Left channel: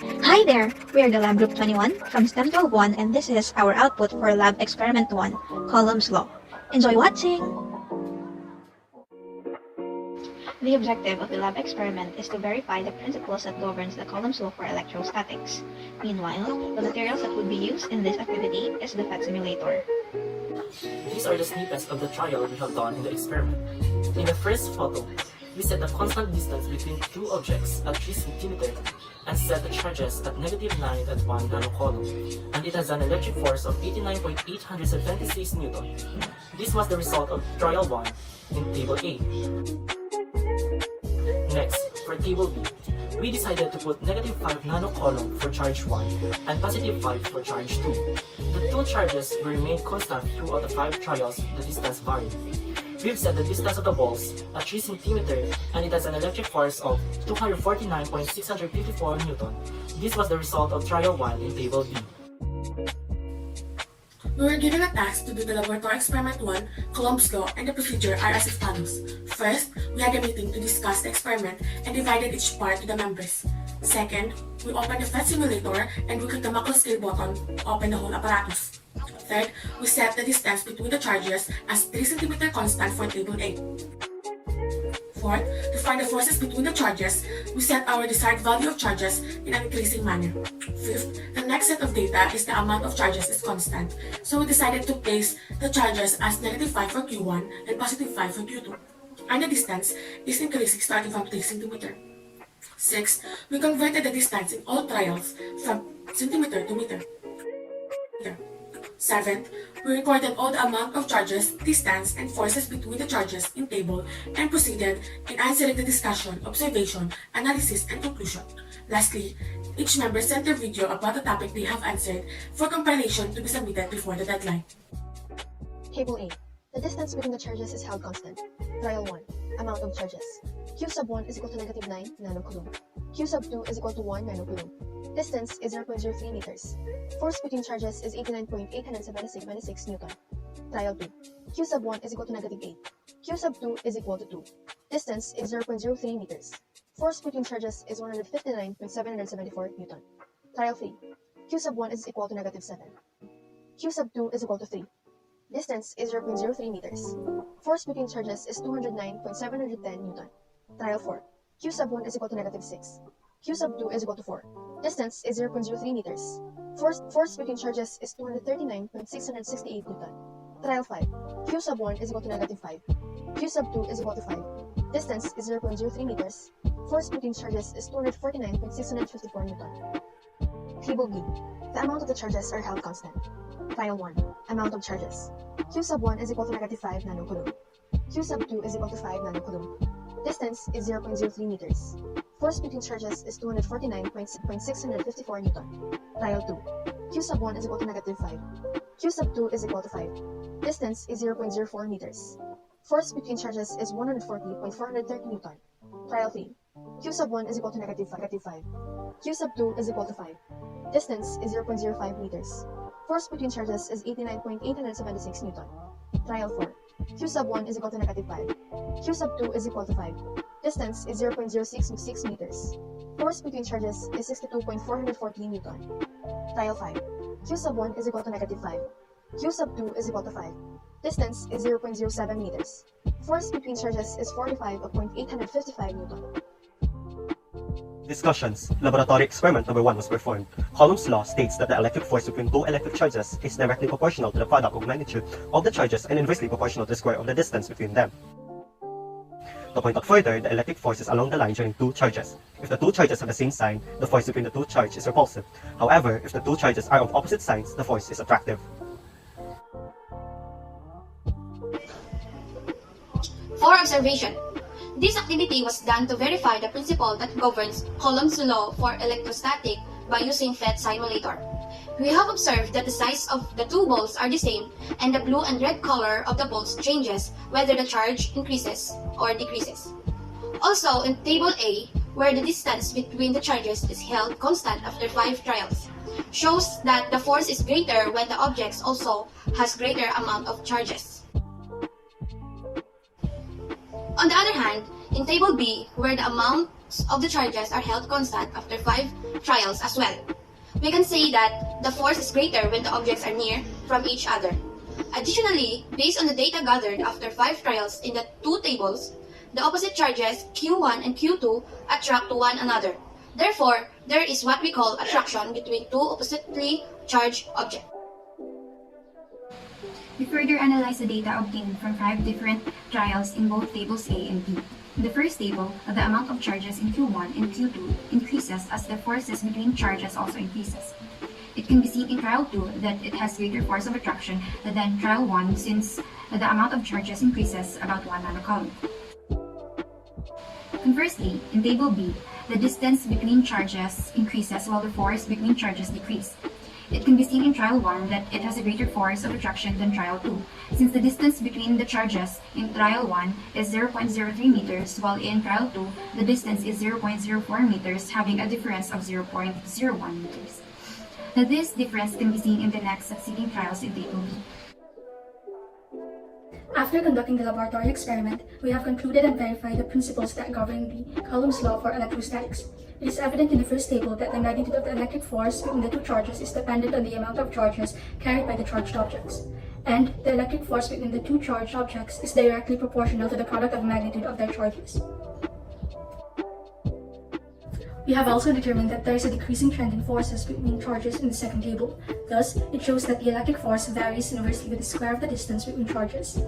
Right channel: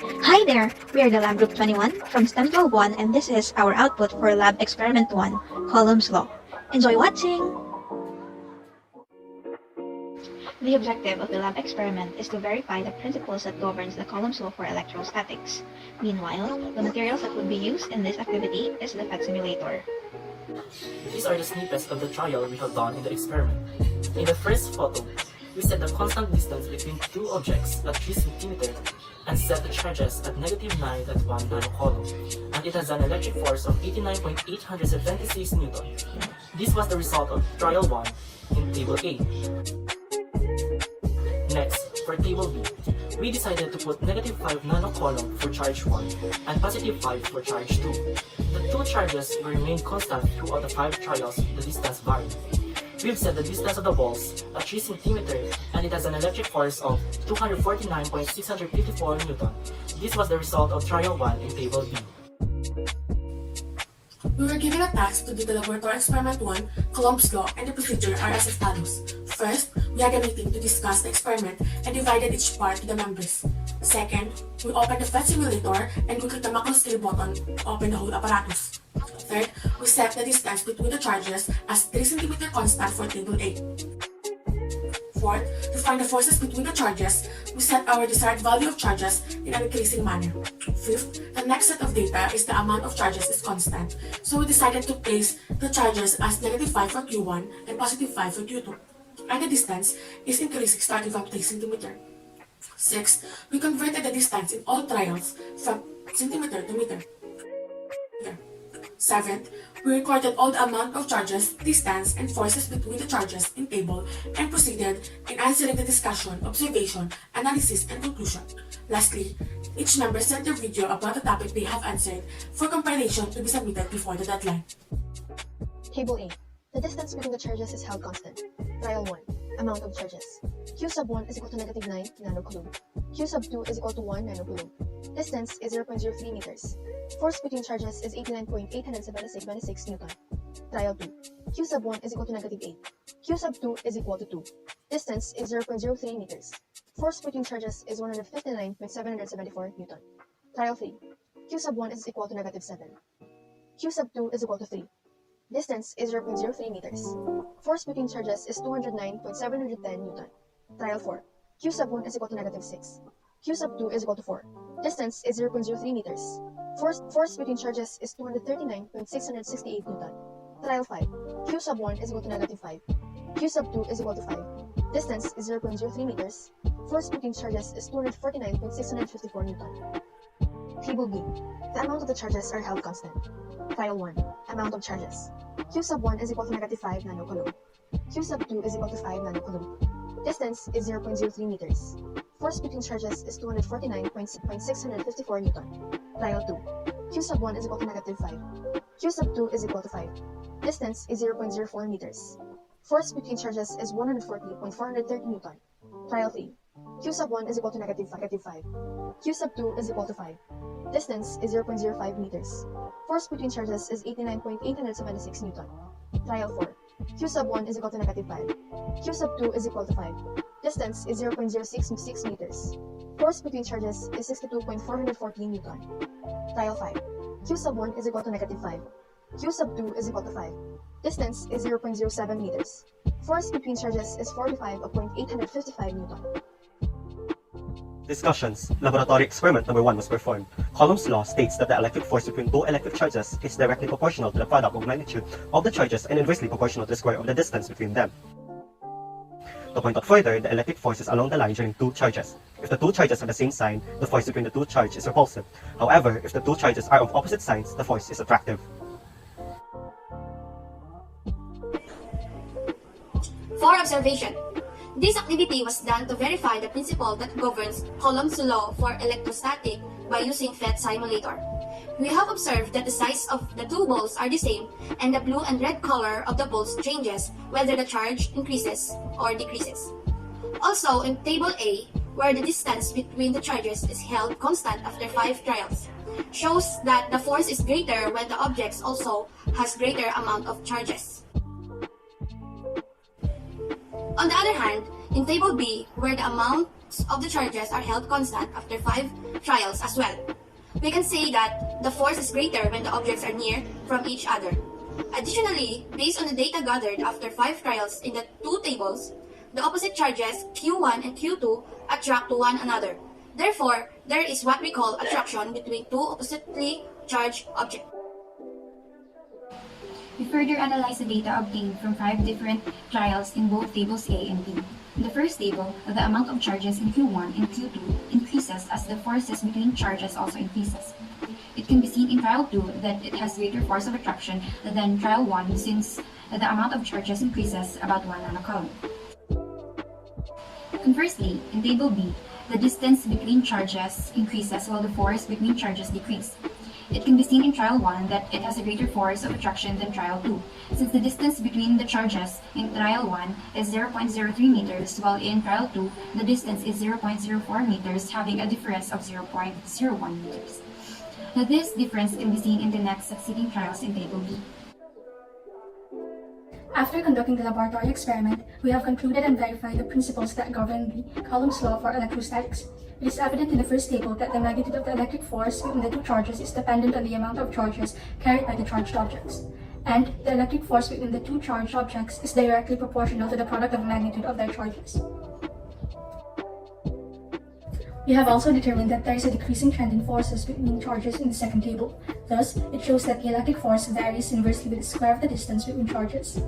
Hi there! We are the Lab Group 21 from STEM 1 and this is our output for Lab Experiment 1, Coulomb's Law. Enjoy watching! The objective of the lab experiment is to verify the principles that governs the Coulomb's law for electrostatics. Meanwhile, the materials that would be used in this activity is the PET simulator. These are the snippets of the trial we have done in the experiment. In the first photo, we set the constant distance between two objects at 3 cm and set the charges at -9 at 1 nanocoulomb, and it has an electric force of 89.876 Newton. This was the result of trial 1 in table A. Next, for table B, we decided to put -5 nanocoulomb for charge 1 and +5 for charge 2. The two charges will remain constant throughout the 5 trials with the distance varied. We've set the distance of the balls at 3 cm and it has an electric force of 249.654 Newton. This was the result of trial 1 in table B. We were given a task to do the laboratory experiment 1, Coulomb's law, and the procedure are as follows. First, we had a meeting to discuss the experiment and divided each part to the members. Second, we opened the PET simulator and we clicked the macro scale button to open the whole apparatus. Third, we set the distance between the charges as 3 cm constant for table A. Fourth, to find the forces between the charges, we set our desired value of charges in an increasing manner. Fifth, the next set of data is the amount of charges is constant, so we decided to place the charges as -5 for Q1 and +5 for Q2, and the distance is increasing starting from 3 cm. Sixth, we converted the distance in all trials from centimeter to meter. Seventh, we recorded all the amount of charges, distance, and forces between the charges in table and proceeded in answering the discussion, observation, analysis, and conclusion. Lastly, each member sent their video about the topic they have answered for compilation to be submitted before the deadline. Table A. The distance between the charges is held constant. Trial 1. Amount of charges. Q sub 1 is equal to -9 nanocoulomb. Q sub 2 is equal to 1 nanocoulomb. Distance is 0.03 meters. Force between charges is 89.876 Newton. Trial 2. Q sub 1 is equal to -8. Q sub 2 is equal to 2. Distance is 0.03 meters. Force between charges is 159.774 Newton. Trial 3. Q sub 1 is equal to -7. Q sub 2 is equal to 3. Distance is 0.03 meters. Force between charges is 209.710 Newton. Trial 4. Q sub 1 is equal to -6. Q sub 2 is equal to 4. Distance is 0.03 meters. Force between charges is 239.668 Newton. Trial 5. Q sub 1 is equal to -5. Q sub 2 is equal to 5. Distance is 0.03 meters. Force between charges is 249.654 Newton. Table B. The amount of the charges are held constant. Trial 1. Amount of charges. Q sub 1 is equal to -5 nanocoulomb. Q sub 2 is equal to 5 nanocoulomb. Distance is 0.03 meters. Force between charges is 249.654 Newton. Trial 2. Q sub 1 is equal to -5. Q sub 2 is equal to 5. Distance is 0.04 meters. Force between charges is 140.430 Newton. Trial 3. Q sub 1 is equal to -5. Q sub 2 is equal to 5. Distance is 0.05 meters. Force between charges is 89.876 Newton. Trial 4. Q sub 1 is equal to -5. Q sub 2 is equal to 5. Distance is 0.066 meters. Force between charges is 62.414 Newton. Trial 5. Q sub 1 is equal to -5. Q sub 2 is equal to 5. Distance is 0.07 meters. Force between charges is 45.855 Newton. Discussions. Laboratory experiment number 1 was performed. Coulomb's law states that the electric force between two electric charges is directly proportional to the product of magnitude of the charges and inversely proportional to the square of the distance between them. To point out further, the electric force is along the line during two charges. If the two charges have the same sign, the force between the two charges is repulsive. However, if the two charges are of opposite signs, the force is attractive. For observation. This activity was done to verify the principle that governs Coulomb's law for electrostatic by using PET simulator. We have observed that the size of the two balls are the same and the blue and red color of the balls changes whether the charge increases or decreases. Also, in table A, where the distance between the charges is held constant after 5 trials, shows that the force is greater when the objects also has greater amount of charges. On the other hand, in table B, where the amount of the charges are held constant after 5 trials as well. We can say that the force is greater when the objects are near from each other. Additionally, based on the data gathered after 5 trials in the two tables, the opposite charges Q1 and Q2 attract to one another. Therefore, there is what we call attraction between two oppositely charged objects. We further analyze the data obtained from 5 different trials in both tables A and B. In the first table, the amount of charges in Q1 and Q2 increases as the forces between charges also increases. It can be seen in trial 2 that it has greater force of attraction than trial 1 since the amount of charges increases about 1 nanocoulomb. Conversely, in table B, the distance between charges increases while the force between charges decrease. It can be seen in trial 1 that it has a greater force of attraction than trial 2, since the distance between the charges in trial 1 is 0.03 meters, while in trial 2, the distance is 0.04 meters, having a difference of 0.01 meters. Now, this difference can be seen in the next succeeding trials in table B. After conducting the laboratory experiment, we have concluded and verified the principles that govern the Coulomb's law for electrostatics. It is evident in the first table that the magnitude of the electric force between the two charges is dependent on the amount of charges carried by the charged objects, and the electric force between the two charged objects is directly proportional to the product of magnitude of their charges. We have also determined that there is a decreasing trend in forces between charges in the second table. Thus, it shows that the electric force varies inversely with the square of the distance between charges.